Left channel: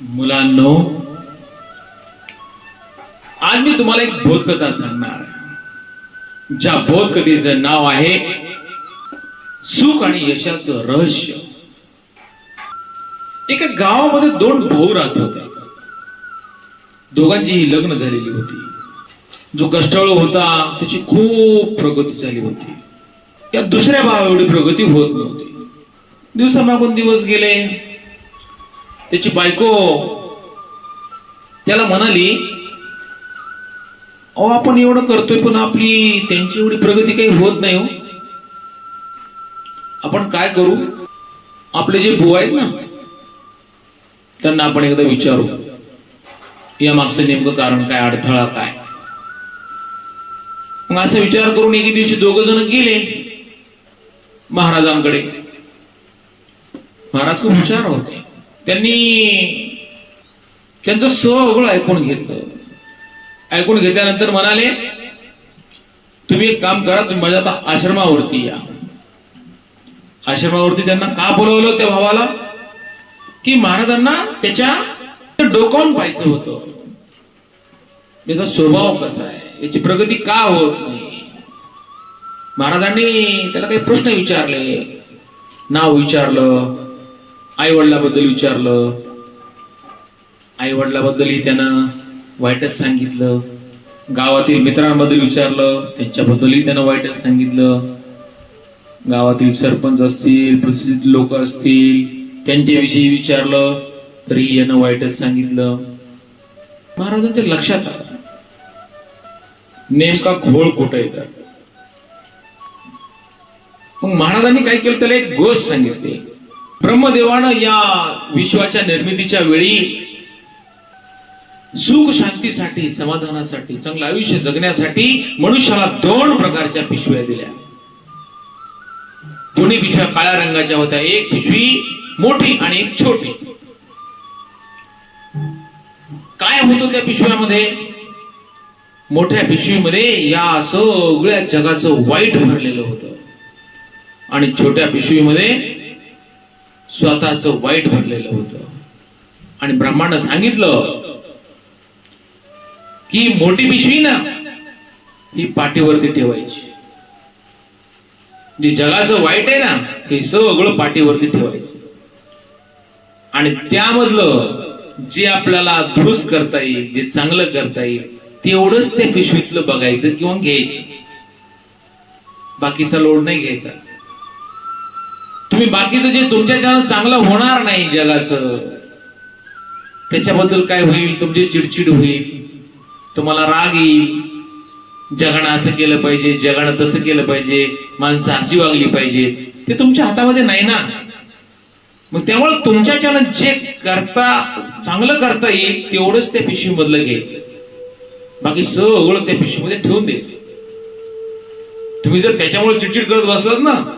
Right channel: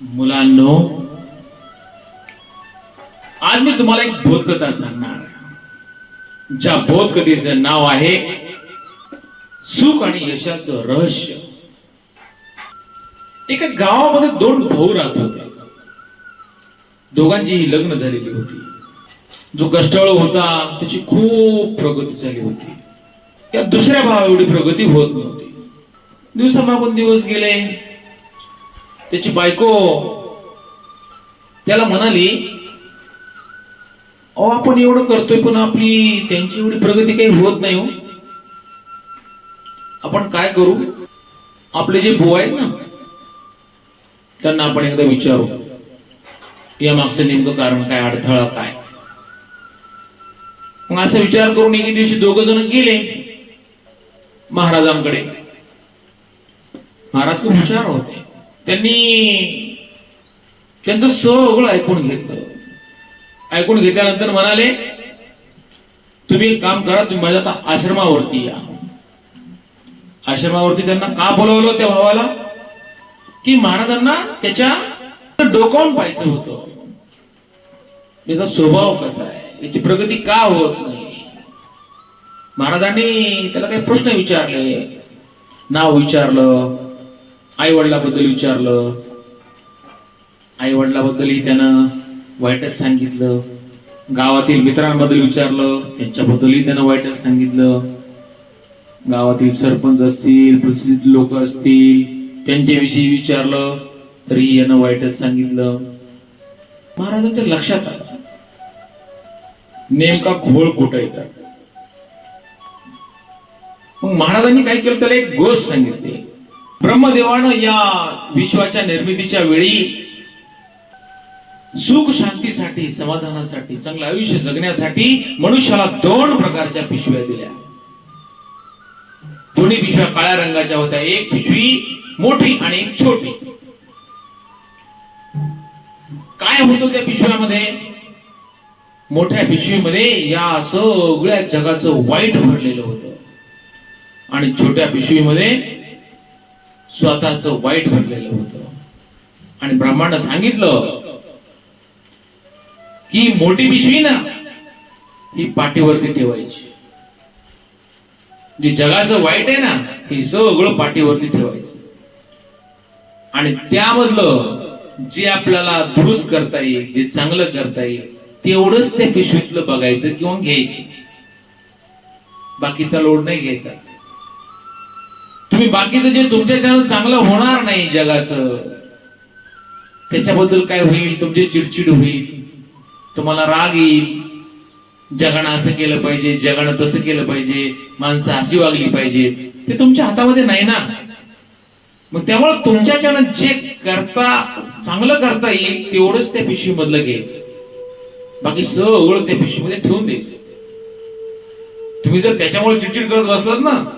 मुलांनो आज मी तुम्हाला एक बोधकथा सांगणार ज्या बोधकथेचं नाव आहे सुख आणि यशाचं रहस्य. एका गावामध्ये दोन भाऊ राहत होते. दोघांचीही लग्न झालेली होती. जो कष्टाळू होता त्याची खूप प्रगती झाली होती. या दुसऱ्या भावा एवढी प्रगती होत नव्हती. दिवसामागून दिवस गेले त्याची बायको त्याला म्हणाली अहो आपण एवढं करतोय पण आपली त्यांची एवढी प्रगती काही होत नाही हो. आपण काय करू? आपले जे भाऊ आहेत ना त्यांना आपण एकदा विचारू. या मागचं नेमकं कारण काय अडथळा काय? मग असा विचार करून एके दिवशी दोघ जण गेले महाराजांकडे. महाराज खूप हुशार होते. त्यांनी त्यांचं सगळं ऐकून घेतलं. ऐकून घेतल्यानंतर म्हणाले तुम्ही एक काम करा तुम्ही माझ्या आता आश्रमावरती या. आश्रमावरती त्यांना का बोलवलं त्या भावाला? की महाराजांना त्याच्या डोकावून पाहायचं होतं. त्याचा स्वभाव कसा आहे? याची प्रगती का होत नाही? महाराजांनी त्याला काही प्रश्न विचारले. नाव विचारलं. आई वडिलाबद्दल विचारलं. आई वडिलाबद्दलही त्यानं वाईटच सांगितलं. गावातील मित्रांबद्दल विचारलं. त्यांच्याबद्दलही त्यानं वाईटच सांगितलं. गावातील सरपंच असतील प्रसिद्ध लोक असतील त्यांच्याविषयी विचारलं. तरी यानं वाईटच सांगितलं. महाराजांच्या लक्षात आलं. नेमका घोळ कुठं येतात? मग महाराजांनी काय केलं? त्याला एक गोष्ट सांगितली. ब्रह्मदेवानं या विश्वाच्या निर्मितीच्या वेळी सुख शांतीसाठी समाधानासाठी चांगलं आयुष्य जगण्यासाठी मनुष्याला दोन प्रकारच्या पिशव्या दिल्या. दोन्ही पिशव्या काळ्या रंगाच्या होत्या. एक पिशवी मोठी आणि एक छोटी. काय होतं त्या पिशव्यामध्ये. मोठ्या पिशवीमध्ये या सगळ्या जगाचं वाईट भरलेलं होतं. आणि छोट्या पिशवीमध्ये स्वतःच वाईट भरलेलं होतं. आणि ब्रह्मांड सांगितलं की मोठी पिशवी ना ही पाठीवरती ठेवायची. जे जगाचं वाईट आहे ना हे सगळं पाठीवरती ठेवायचं. आणि त्यामधलं जे आपल्याला दुरुस्त करता येईल जे चांगलं करता येईल तेवढंच त्या पिशवीतलं बघायचं किंवा घ्यायचं. बाकीचा लोड नाही घ्यायचा. तुम्ही बाकीचं जे तुमच्याच्यानं चांगलं होणार नाही जगाचं त्याच्याबद्दल काय होईल? तुमची चिडचिड होईल. तुम्हाला राग येईल. जगणं असं केलं पाहिजे जगणं तसं केलं पाहिजे माणसं अशी वागली पाहिजे. ते तुमच्या हातामध्ये नाही ना? मग त्यामुळे तुमच्याच्यानं जे करता चांगलं करता येईल तेवढंच त्या पिशवीमधलं घ्यायचं. बाकी सगळं त्या पिशवीमध्ये ठेवून द्यायचं. तुम्ही जर त्याच्यामुळे चिडचिड करत बसलात ना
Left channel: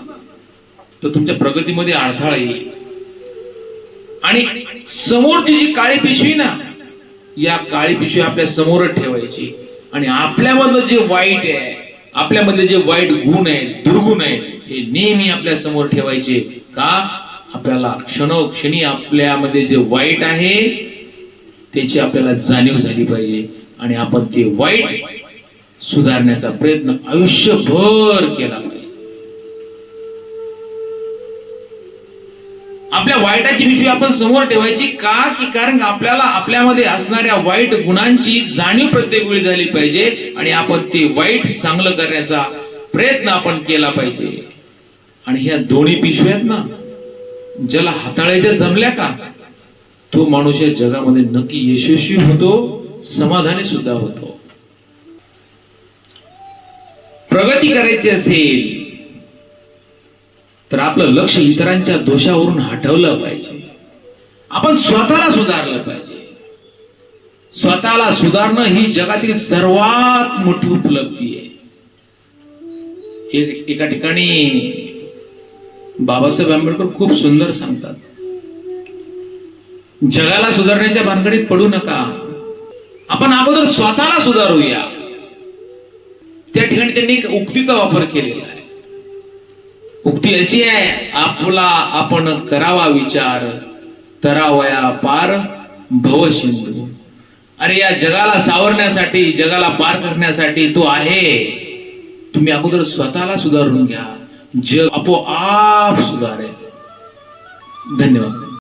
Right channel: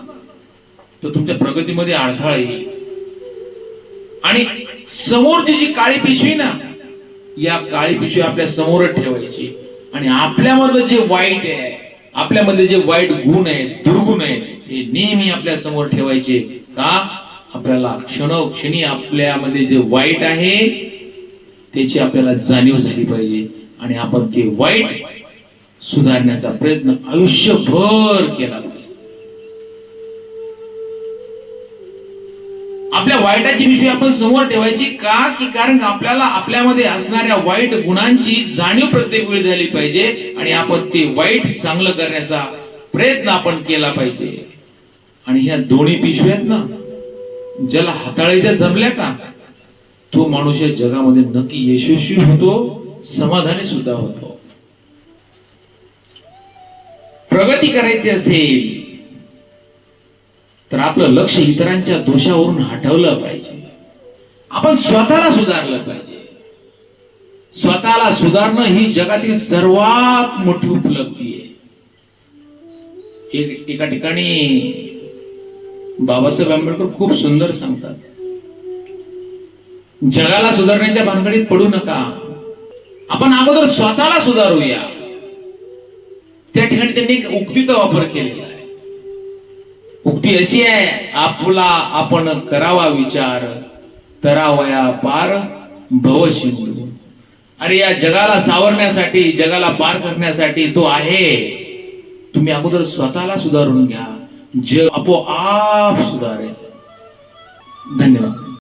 तर तुमच्या प्रगतीमध्ये अडथळा येईल. आणि समोरची जी काळी पिशवी ना या काळी पिशवी आपल्या समोरच ठेवायची. आणि आपल्यामधलं जे वाईट आहे आपल्यामधले जे वाईट गुण आहेत दुर्गुण आहेत हे नेहमी आपल्यासमोर ठेवायचे. का? आपल्याला क्षणोक्षणी आपल्यामध्ये जे वाईट आहे त्याची आपल्याला जाणीव झाली पाहिजे. आणि आपण ते वाईट सुधारण्याचा प्रयत्न आयुष्यभर केला आपल्या वाईटाची पिशवी आपण समोर ठेवायची का? की कारण आपल्याला आपल्यामध्ये असणाऱ्या वाईट गुणांची जाणीव प्रत्येक वेळी झाली पाहिजे आणि आपण ते वाईट चांगलं करण्याचा प्रयत्न आपण केला पाहिजे. आणि ह्या दोन्ही पिशव्यात ना ज्याला हाताळायच्या जमल्या का तो माणूस या जगामध्ये नक्की यशस्वी होतो समाधानी सुद्धा होतो. प्रगती करायची असेल तर आपलं लक्ष इतरांच्या दोषावरून हटवलं पाहिजे. आपण स्वतःला सुधारलं पाहिजे. स्वतःला सुधारणं ही जगातील सर्वात मोठी उपलब्धी आहे. एका ठिकाणी बाबासाहेब आंबेडकर खूप सुंदर सांगतात. जगाला सुधारण्याच्या भानगडीत पडू नका. आपण अगोदर स्वतःला सुधारूया. त्या ठिकाणी त्यांनी एक उक्तीचा वापर केलेला आहे. उक्ती अशी आहे आपला आपण करावा विचार तरावया पार भव सिंधू. अरे या जगाला सावरण्यासाठी जगाला पार करण्यासाठी तो आहे. तुम्ही अगोदर स्वतःला सुधारून घ्या. जग आपोआप सुधारेल. धन्यवाद.